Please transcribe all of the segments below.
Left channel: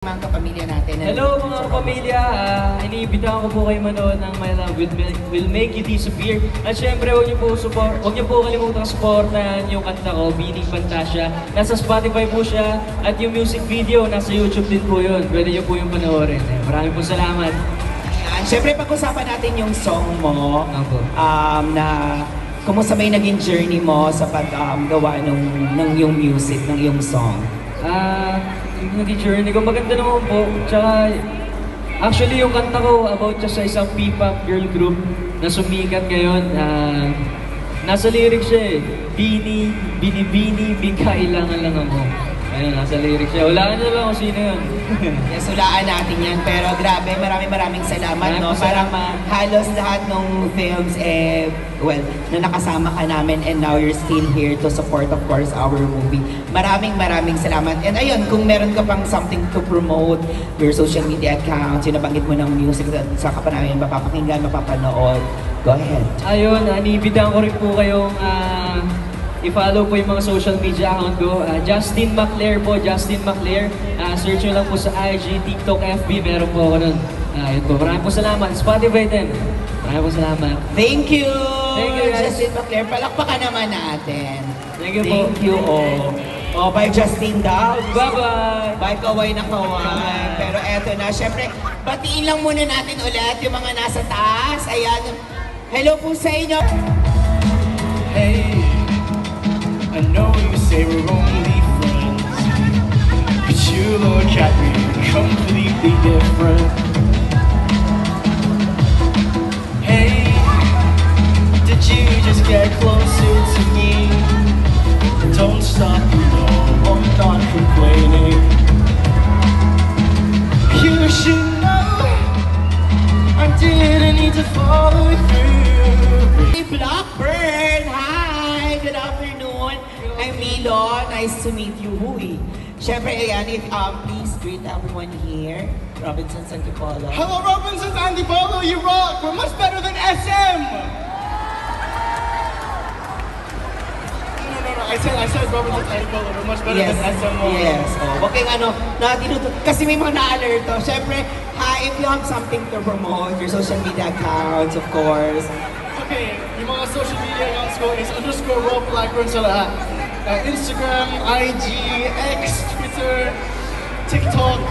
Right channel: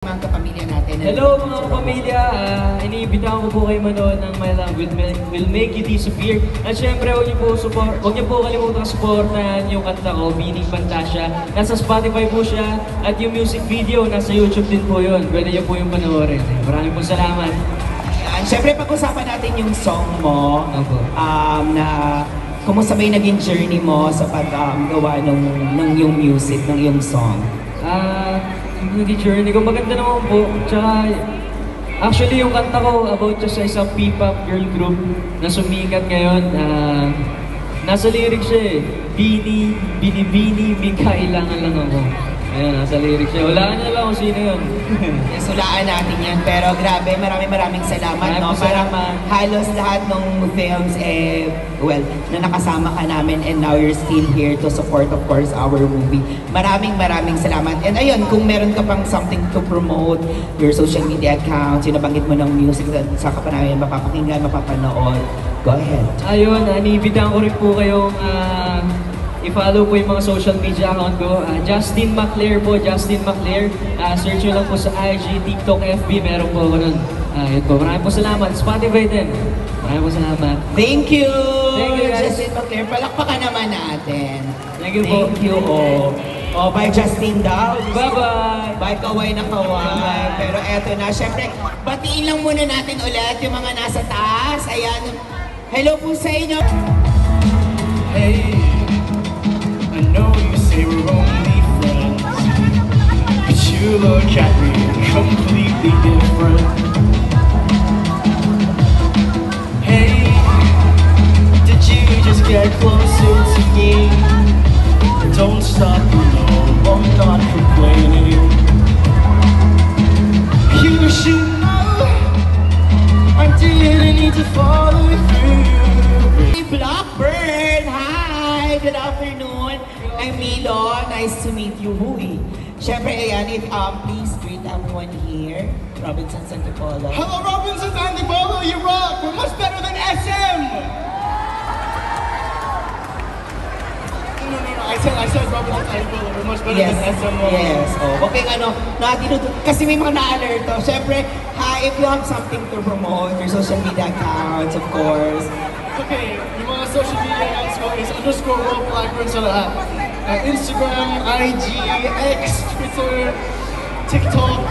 Mga kapamilya natin. Hello mga kapamilya, iniimbitahan ko po kayo manood ng My Love Will Make You Disappear. At syempre, huwag niyo po kalimutang supportan yung kanta ko, Bining Fantasia. Nasa Spotify po siya at yung music video, nasa YouTube din po yun. Pwede niyo po yung panoorin. Maraming po salamat. Syempre, pag-usapan natin yung song mo, na kumusta ba yung naging journey mo sa paggawa ng yung music, ng yung song? Yung journey ko, maganda naman po. Tsaka, actually yung kanta ko about siya sa isang P-pop girl group na sumikat ngayon. Nasa lyrics siya eh. Bini, may kailangan lang ako. Ayan, nasa lyrics siya. Hulaan niyo lang kung sino yun. Yes, hulaan natin yan. Pero grabe, maraming salamat. No? Parang halos lahat ng films, na nakasama ka namin and now you're still here to support, of course, our movie. Maraming salamat. And ayun, kung meron ka pang something to promote, your social media accounts, yung nabanggit mo ng music, sa ka pa namin mapapakinggan, mapapanood, go ahead. Ayun, iniimbitahan ko rin po kayong i-follow po yung mga social media account ko. Justin Maclair po, Justin Maclair. Search nyo lang po sa IG, TikTok, FB, meron po ako nun. Yun po, maraming po salamat. Spotify din. Maraming po salamat. Thank you! Thank you guys. Justin Maclair, palakpakan naman natin. Thank you po. Thank you, bye Justin daw. Bye-bye! Bye, kaway na kaway. Pero eto na, syempre, batiin lang muna natin ulit yung mga nasa taas. Ayan. Hello po sa inyo. Hey, I know you say we're only friends, but you look at me completely different. Hey, did you just get closer to me? Don't stop, you know, I'm not complaining. You should know I didn't need to follow through. Hey, Blackbird! Hi! Good afternoon. I'm Milo. Nice to meet you. Huy. Syempre, ayan, please greet everyone here. Robinson Santipolo. Hello, Robinson Antipolo, you rock! We're much better than SM! No, I said Robinson Antipolo, we're much better Yes, than SM. yes. Okay, kasi may mga na-alert to. Syempre, hi, if you have something to promote, your social media accounts, of course. Okay, yung mga social media accounts ko is _Rob Blackburn sa lahat. Instagram, IG, X, Twitter, TikTok.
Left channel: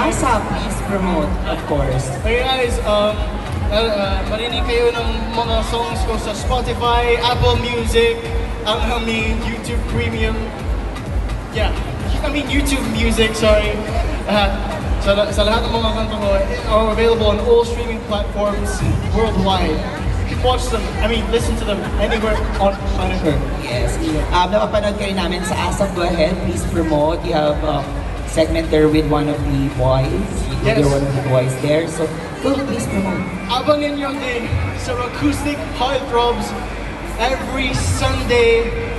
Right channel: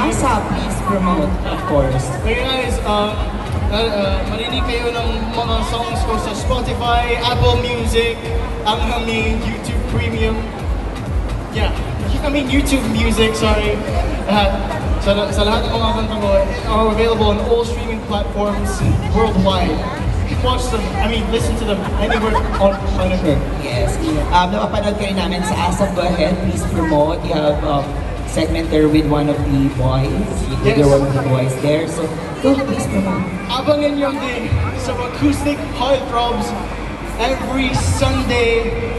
Asa, please promote, of course. Okay guys, marinig kayo ng mga songs ko sa Spotify, Apple Music, ang aming YouTube Premium. Yeah, I mean YouTube Music, sorry. Sa lahat ng mga kanta ko are available on all streaming platforms worldwide. You can watch them, listen to them anywhere on planet Earth. Yes. Napapanood kayo namin sa ASAP. Go ahead, please promote. You have segment there with one of the boys. Yes. You're one of the boys there. So, go, please promote. Abangan nyo din sa Acoustic Heartthrobs every Sunday,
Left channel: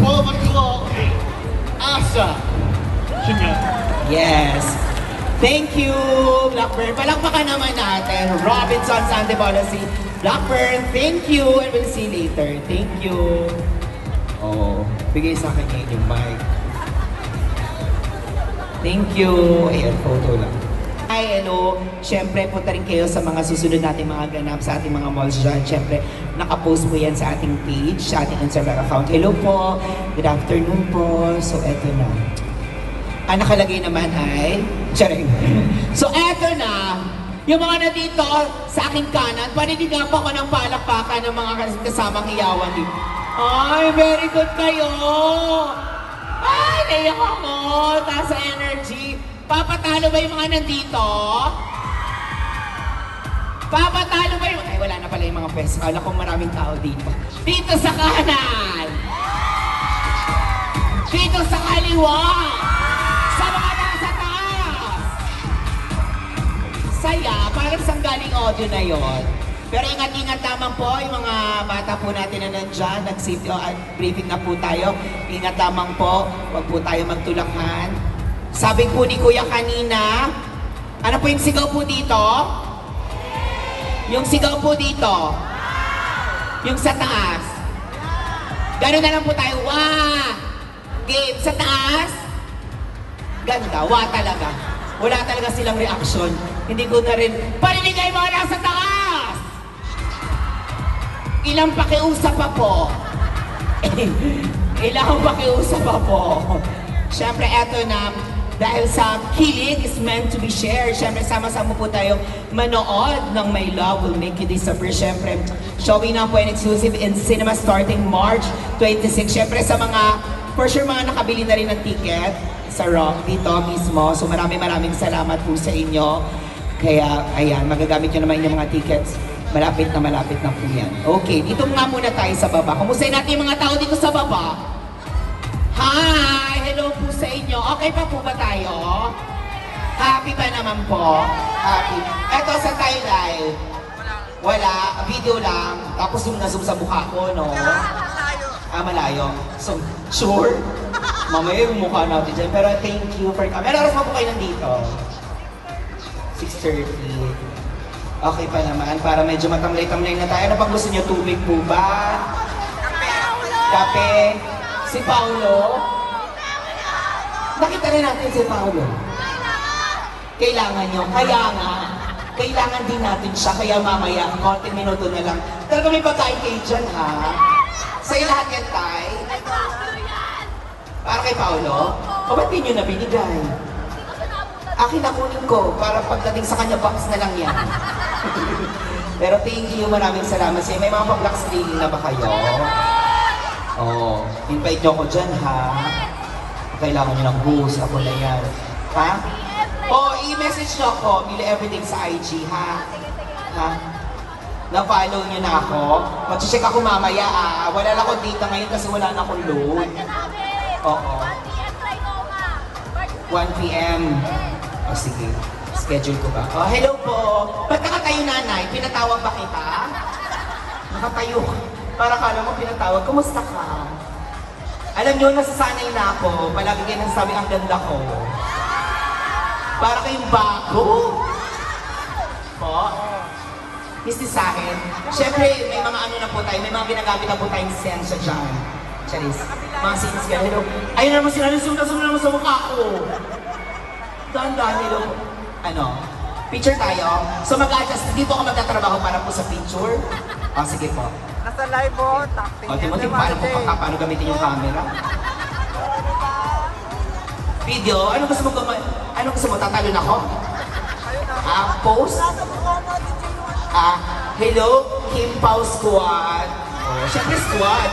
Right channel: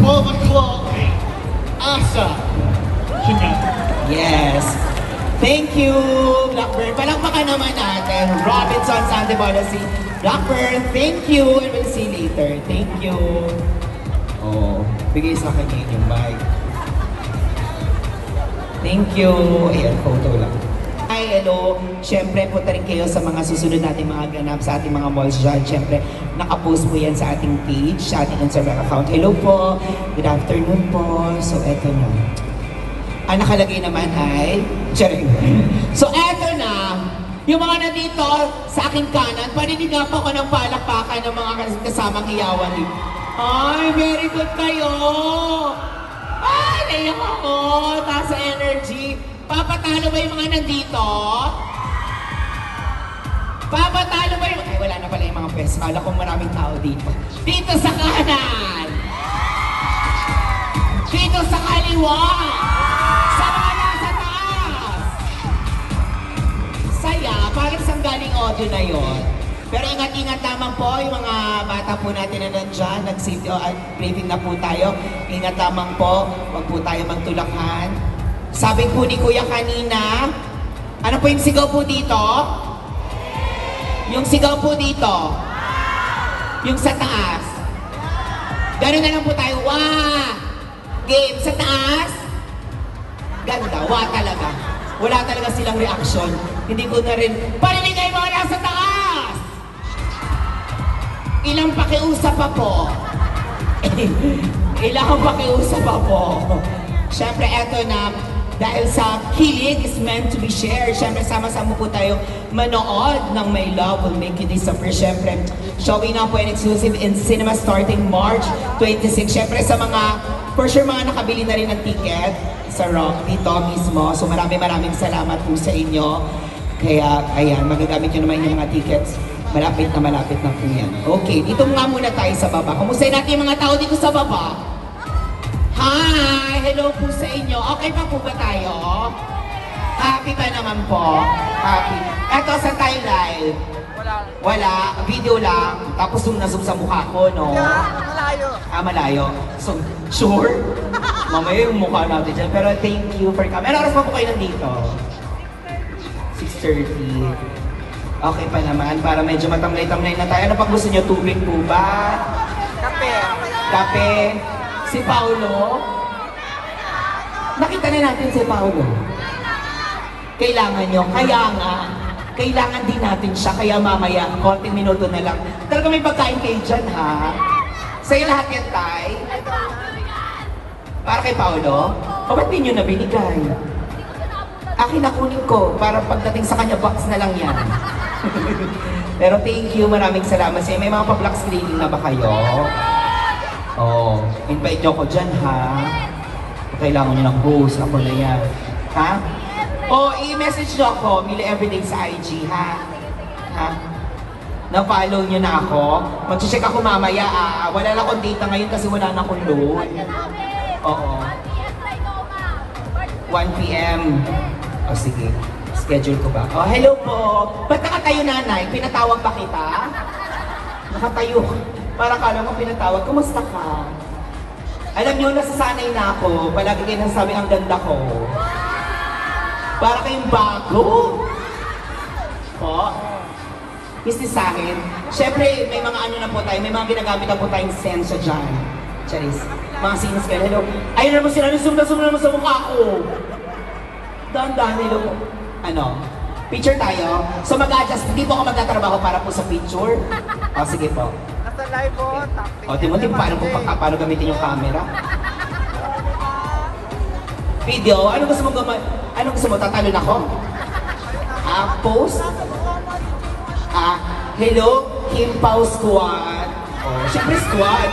12 o'clock, ASA. Yun nga. Yes. Thank you, Blackburn. Palakpakan naman natin. Robinson Santipolo, si Blackburn. Thank you. And we'll see you later. Thank you. Bigay sa kanya yung mic. Thank you. Ayan, photo lang. Hi, hello. Siyempre, punta rin kayo sa mga susunod natin mga ganap sa ating mga malls dyan. Siyempre, nakapost po yan sa ating page, sa ating Instagram account. Hello po. Good afternoon po. So, eto na. Ang nakalagay naman ay... Charing. So, eto na. Yung mga nandito sa aking kanan, paninigapan ko ng palakpakan ng mga kasamang hiyawan dito. Ay, very good kayo! Ay, naiyak ako! Taas sa energy. Papatalo ba yung mga nandito? Papatalo ba yung... Ay, wala na pala yung mga peso. Alam ko maraming tao dito. Dito sa kanan! Dito sa kaliwa! Sa mga nasa taas! Saya, parang sanggaling audio na yon. Pero ingat-ingat naman po yung mga bata po natin na nandyan. Nag-safety briefing na po tayo. Ingat lamang po. Huwag po tayo magtulakan. Sabi po ni Kuya kanina, ano po yung sigaw po dito? Yung sigaw po dito. Yung sa taas. Ganun na lang po tayo. Wah! Game sa taas. Ganda, talaga. Wala talaga silang reaksyon. Hindi ko na rin, paninigay mo na sa taas! Ilang pakiusap pa po. Ilang pakiusap pa po. Siyempre, eto na, dahil sa kilig is meant to be shared. Siyempre, sama-sama po tayo manood ng My Love Will Make You Disappear. Siyempre, showing na po and exclusive in cinema starting March 26. Siyempre, sa mga, for sure, mga nakabili na rin ng ticket sa Rock dito mismo. So, maraming salamat po sa inyo. Kaya, ayan, magagamit nyo naman yung mga tickets. Malapit na po yan. Okay, dito nga muna tayo sa baba. Kumustahin natin yung mga tao dito sa baba. Hi! Hello po sa inyo. Okay pa po ba tayo? Happy pa naman po. Happy. Eto sa tayo live. Wala. Video lang. Tapos zoom sa mukha ko, no? Malayo. Malayo. So, sure? Mamaya yung mukha natin dyan. Pero thank you for coming. Ano oras mo po kayo nandito? 6:30. Okay pa naman. Para medyo matamlay-tamlay na tayo. Ano pang gusto nyo? Tubig po ba? Kape. Kape? Si Paolo? Nakita na natin si Paolo. Kailangan nyo. Kaya nga, kailangan din natin siya. Kaya mamaya, konting minuto na lang. Talaga may pagkain kayo dyan, ha? Sa'yo lahat yan, Tay? Para kay Paolo? O ba't di nyo na binigay? Akin na kunin ko. Para pagdating sa kanya, box na lang yan. Pero thank you. Maraming salamat sa'yo. May mga pag-box na ba kayo? Oh, invite nyo ko dyan, ha? Kailangan nyo nag-post. Ako na yan. Ha? O, i-message nyo ako. Mili everything sa IG, ha? Ha? Na-follow nyo na ako. Mag-check ako mamaya, wala na akong data ngayon kasi wala na akong load. Oo. 1 PM. O, sige. Schedule ko ba? Oh, hello po. Ba't nakatayo, nanay? Pinatawag pa kita? Nakatayo. Para kala mo pinatawag, kumusta ka? Alam nyo, nasasanay na ako. Palagi kayo nasasabi ang ganda ko. Para kayong bago. Po? Business sa akin. Siyempre, may mga ano na po tayo, may mga ginagamit na po tayong sensor dyan. Charis. Mga scenes kayo. Hello. Ayun naman sila, zoom naman sa mukha ko. Dahan-dahan, hello. Ano? Picture tayo. So mag-adjust, hindi po ako magtatrabaho para po sa picture. O, sige po. Nasa live po. O, di mo paano gamitin yung camera? Video? Ano gusto mo? Tatalon ako? Post? Hello? Kim Pao Squad. Oh, siyempre squad.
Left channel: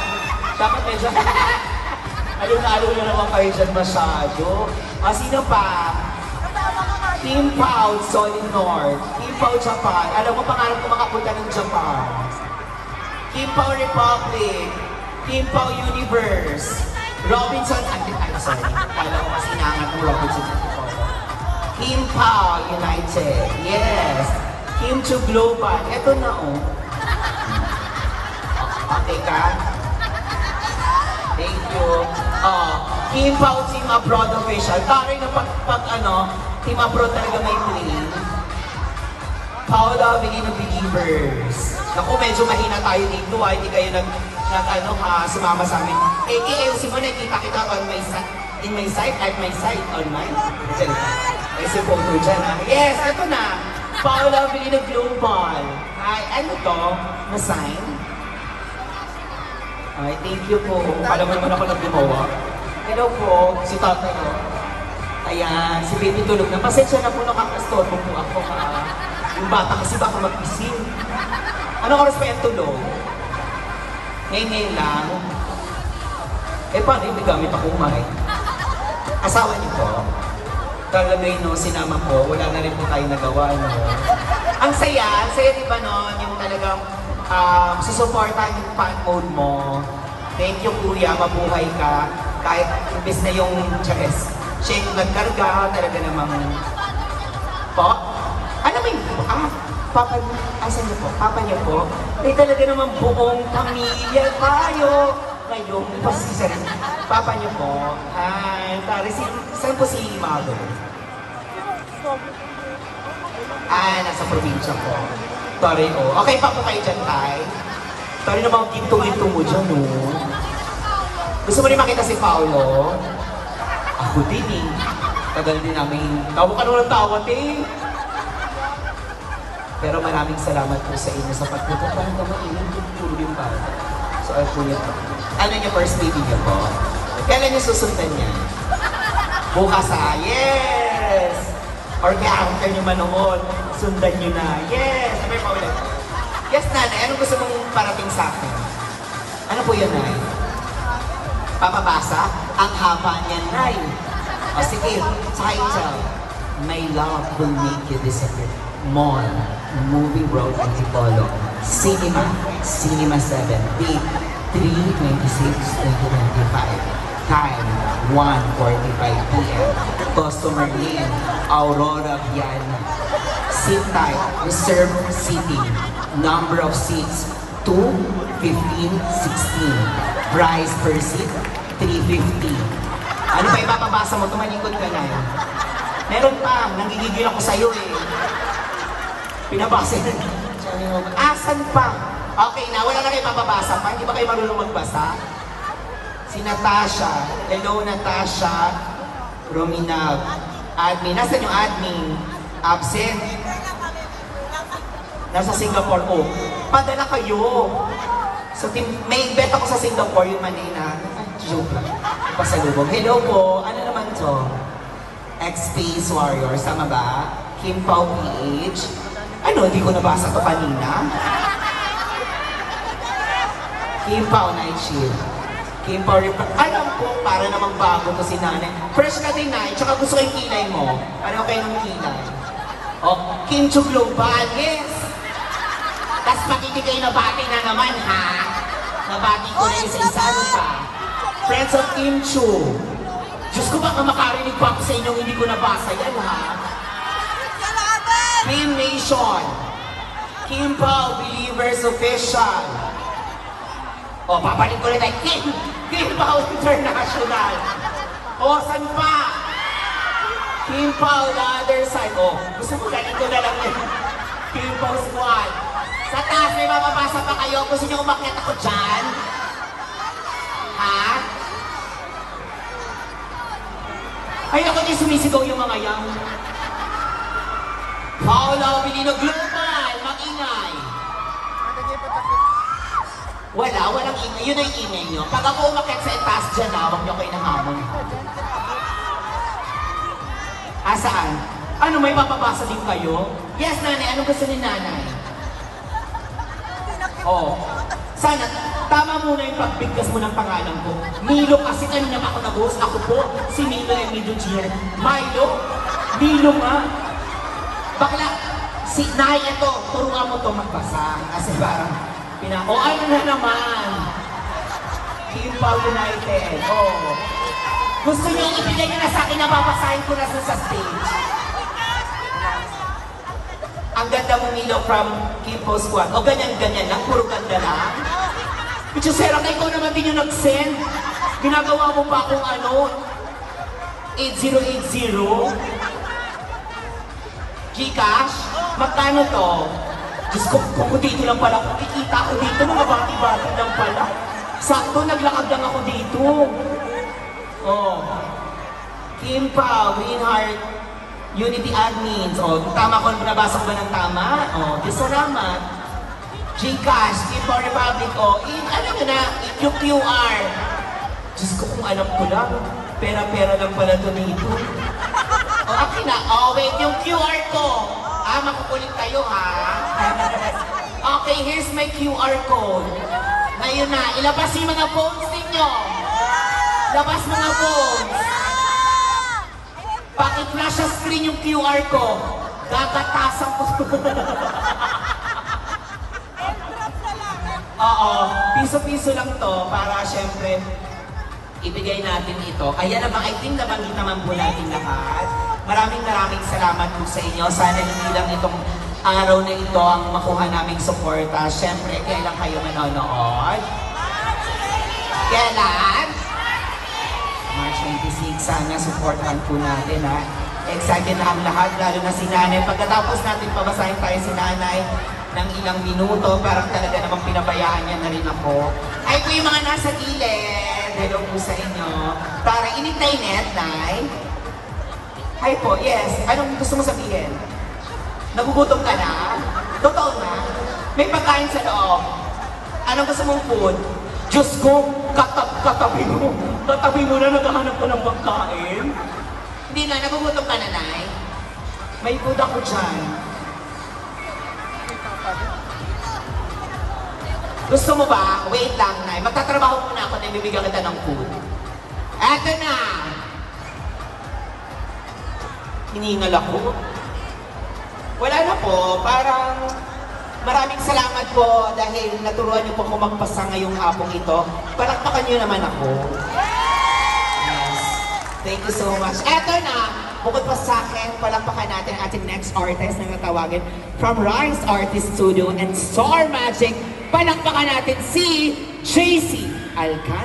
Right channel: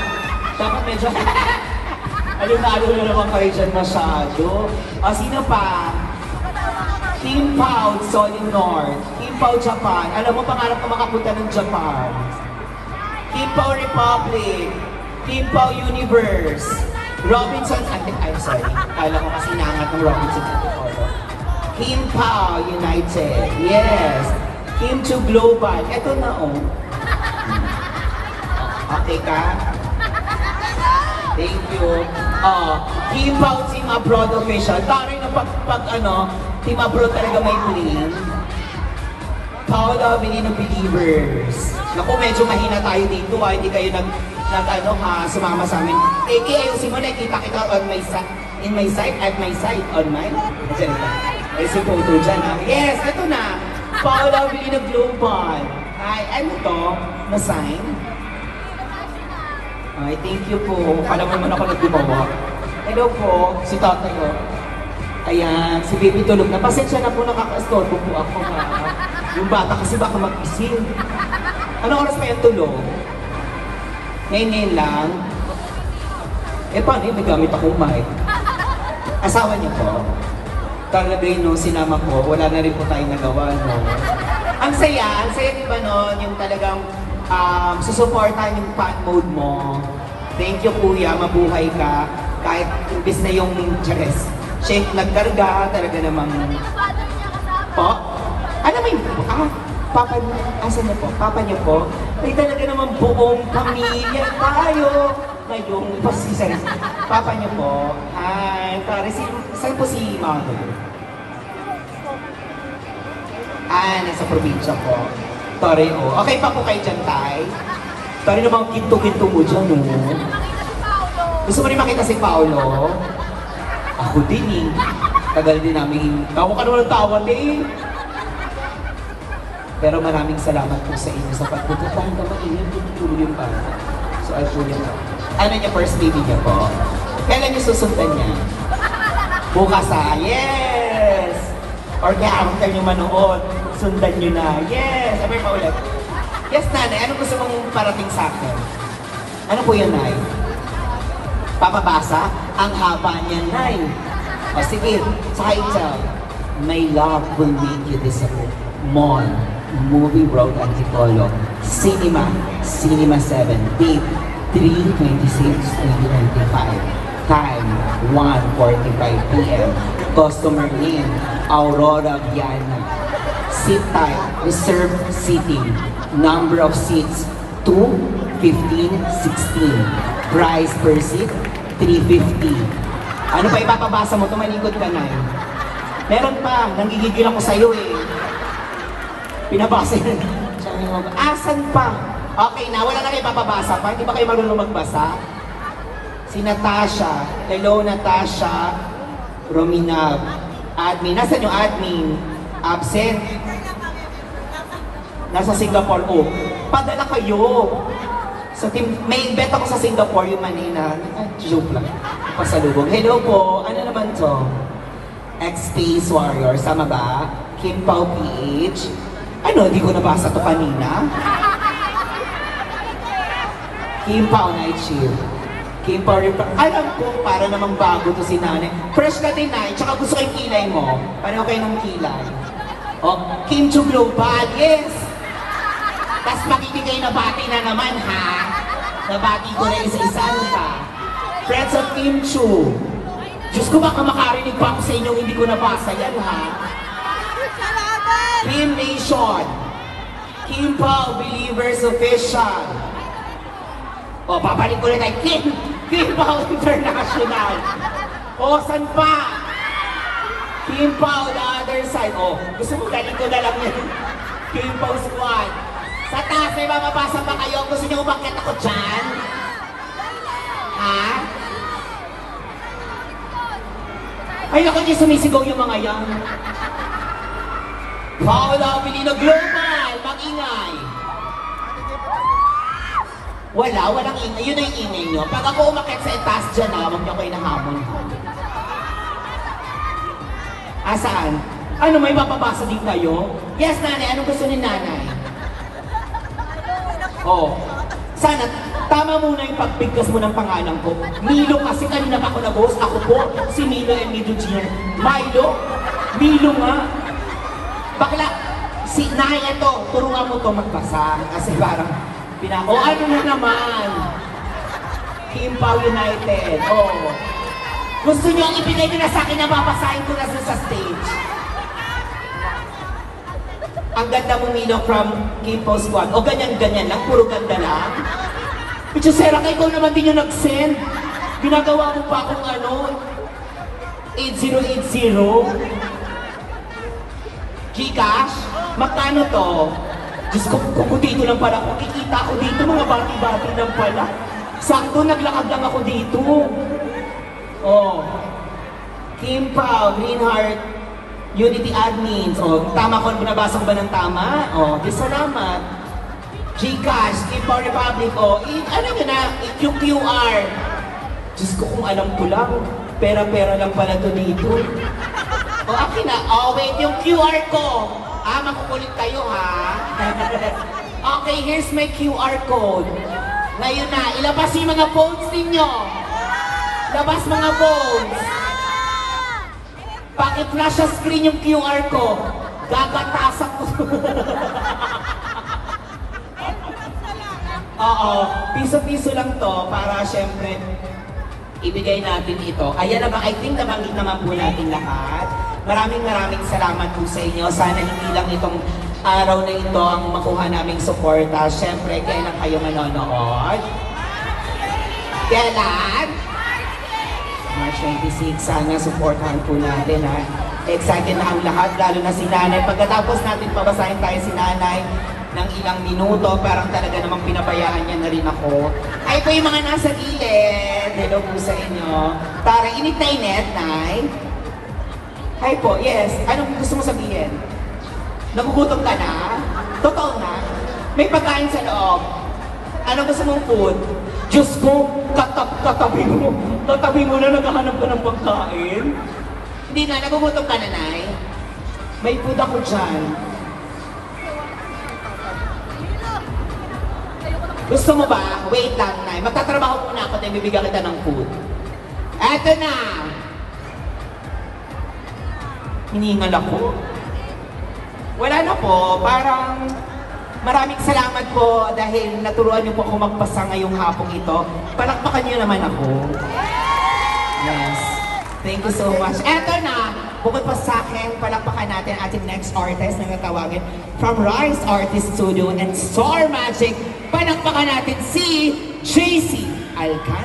Dapat medyo... Alun-alun na naman kayo dyan masyado. Sino pa? Kim Pao Solid North. Kim Pao Japan. Alam mo, pangarap ko makapunta ng Japan. Kim Pao Republic. Kim Pao Universe. Robinson sorry. Kala ko kasi inaangat ng Robinson Antipodo. Kim Pao United. Yes. Kim to Global. Ito na, oh. Okay ka? Thank you. Kim Pao Team Abroad Official. Taray na pag Team Abroad talaga may dream. Paolo Avelino Believers. Naku, medyo mahina tayo dito. Hindi kayo sumama sa amin. Ayusin mo, nakikita kita on my side. In my side, at my side, on my. Diyan ka. May si photo dyan, ha? Yes, ito na. Paolo Avelino Global. Ay, ano to? Na-sign? Okay, thank you po. Kala mo naman ako naggumawa. Hello po, si tatay ko. Ayan, si baby tulog na. Pasensya na po, nakaka-storbo po ako, ha? Yung bata kasi baka mag-ising. Anong oras pa yung tulog? Ngayon lang. Paano yun? May gamit akong mic. Asawa niyo po? Talaga no, sinama po. Wala na rin po tayong nagawa, no? Ang saya di ba no? Yung talagang susuportahan yung fan mode mo. Thank you, kuya. Mabuhay ka. Kahit imbes na yung chares. Shake, nagkarga. Talaga namang... Po? Ano may... Papa niyo, asan niyo po? Papa niyo po? Talaga naman buong pamilya tayo. Ngayong pasisan. Papa niyo po. Saan po si Mother? Nasa probinsya po. Sorry, oh. Okay pa po kayo dyan, Tay? Sorry na mga ginto-ginto mo dyan, oh. Gusto mo rin makita si Paolo? Ako din, eh. Tagal din namin. Tawa ka naman ng tawa, eh. Pero maraming salamat po sa inyo sa pagpupunta na mainit yung bata. So, ay po yan. Ano niya first baby niya po? Kailan niyo susundan niya? Bukas yes! Or kaya kayo manood, sundan niyo na. Yes! Sabay pa ulit. Yes, nanay. Anong gusto mong parating sa akin? Ano po yan, nay? Papabasa? Ang haba niya, nay. O sige, title. My love will make you disappear. Mon, movie road Antipolo. Cinema 7. Date 3/26/2025. Time 1:45 p.m. Customer name Aurora Viana. Seat type reserved seating. Number of seats 2, 15, 16. Price per seat 350. Ano pa ipapabasa mo? Tumalikod ka na eh. Meron pa, nanggigigil ako sa'yo eh. Pinabasa yun. Asan pa? Okay na, wala na kayo papabasa pa. Hindi ba kayo marunong magbasa? Si Natasha. Hello, Natasha. Romina. Admin. Nasaan yung admin? Absent. Nasa Singapore. Oh, padala kayo. So, may bet ako sa Singapore yung Manila. Joke lang. Pasalubong. Hello po. Ano naman to? X-Space Warrior. Sama ba? Kim Pao PH. Ano? Hindi ko nabasa to kanina. Kim Pao Night Shield. Kim Pao alam ko, para namang bago to si nanay. Fresh ka din, nay. Tsaka gusto ko yung kilay mo. Pareho kayo ng kilay. O, Kim Chu Global. Yes! Tapos makikigay na bati na naman, ha? Nabati ko na isa-isahan pa. Friends of Kim Chu. Diyos ko, baka makarinig pa ako sa inyo, hindi ko nabasa yan, ha? Kim Nation. Kim Pao Believers Official. O, babalik ko rin ay Kim Pao International. O, saan pa? Kim Pao The Other Side. O, gusto mo galing ko na lang yan. Kim Pao Squad. Sa taas, may mababasa pa kayo. Gusto niyo umakyat ako dyan? Ha? Ay, ako niya sumisigaw yung mga yan. Paula Pilino Global, mag-ingay. Walang ingay. Yun ang ingay nyo. Pag ako umakyat sa itaas dyan, huwag niyo kayo nahamon. Saan? Ano, may mapabasa din kayo? Yes, nanay. Anong gusto ni nanay? Oo. Sana, tama muna yung pagbigkas mo ng pangalan ko. Milo kasi kanina ako nag-host. Ako po, si Milo and Milo Jr. Milo nga. Bakla, si Nay, ito, turuan mo to magbasa. Kasi parang, o ano na naman? Kim Pao United. Oh. Gusto nyo ibigay nyo na sa akin na babasahin ko na sa stage. Ang ganda mo, Milo, from Kim Pao Squad. O ganyan-ganyan lang, puro ganda lang. Pichusera ka, ikaw naman din yung nag-send. Ginagawa mo pa akong 8080. Gcash? Magkano to? Diyos ko, kung dito lang pala, kung kikita ko dito, mga bati-bati lang pala. Sakto, naglakad lang ako dito. Oh. Kim Pao, Green Heart, Unity Admins. O, tama ko, nabasa ko ba ng tama? O, salamat. Gcash, Kim Pao Republic. O, ano nyo na, yung QR. Diyos ko, kung alam ko lang, pera-pera lang pala to dito. O, akin na. O, wait, yung QR ko. Makukulit kayo, ha? Okay, here's my QR code. Ngayon na, ilabas yung mga phones ninyo. Labas mga phones. Paki-flash sa screen yung QR ko. Gagatasan ko. Oo, piso-piso lang to para syempre ibigay natin ito. Ayan na ba? I think nabanggit naman po natin lahat. Maraming salamat po sa inyo. Sana hindi lang itong araw na ito ang makuha naming suporta. Syempre, kailan kayo manonood? Kailan? March 26, sana supportahan po natin, ha. Excited na ang lahat, lalo na si nanay. Pagkatapos natin pabasahin tayo si nanay ng ilang minuto, parang talaga namang pinabayaan niya na rin ako. Ay po yung mga nasa gilid. Hello po sa inyo. Tara, init na init, nay. Hi po, yes. Anong gusto mo sabihin? Nagugutom ka na? Totoo na? May pagkain sa loob. Anong gusto mong food? Diyos ko, katabi mo. Katabi mo na naghahanap ka ng pagkain. Hindi na, nagugutom ka na, Nay. May food ako dyan. Gusto mo ba? Wait lang, Nay. Magtatrabaho muna ako, then bibigyan kita ng food. Eto na! Hiningal ako. Wala na po, parang maraming salamat po dahil naturuan niyo po ako magpasa ngayong hapong ito. Palakpakan niyo naman ako. Yes. Thank you so much. Eto na, bukod pa sa akin, palakpakan natin ating next artist na natawagin from Rise Artist Studio and Star Magic. Palakpakan natin si JC Alcantara.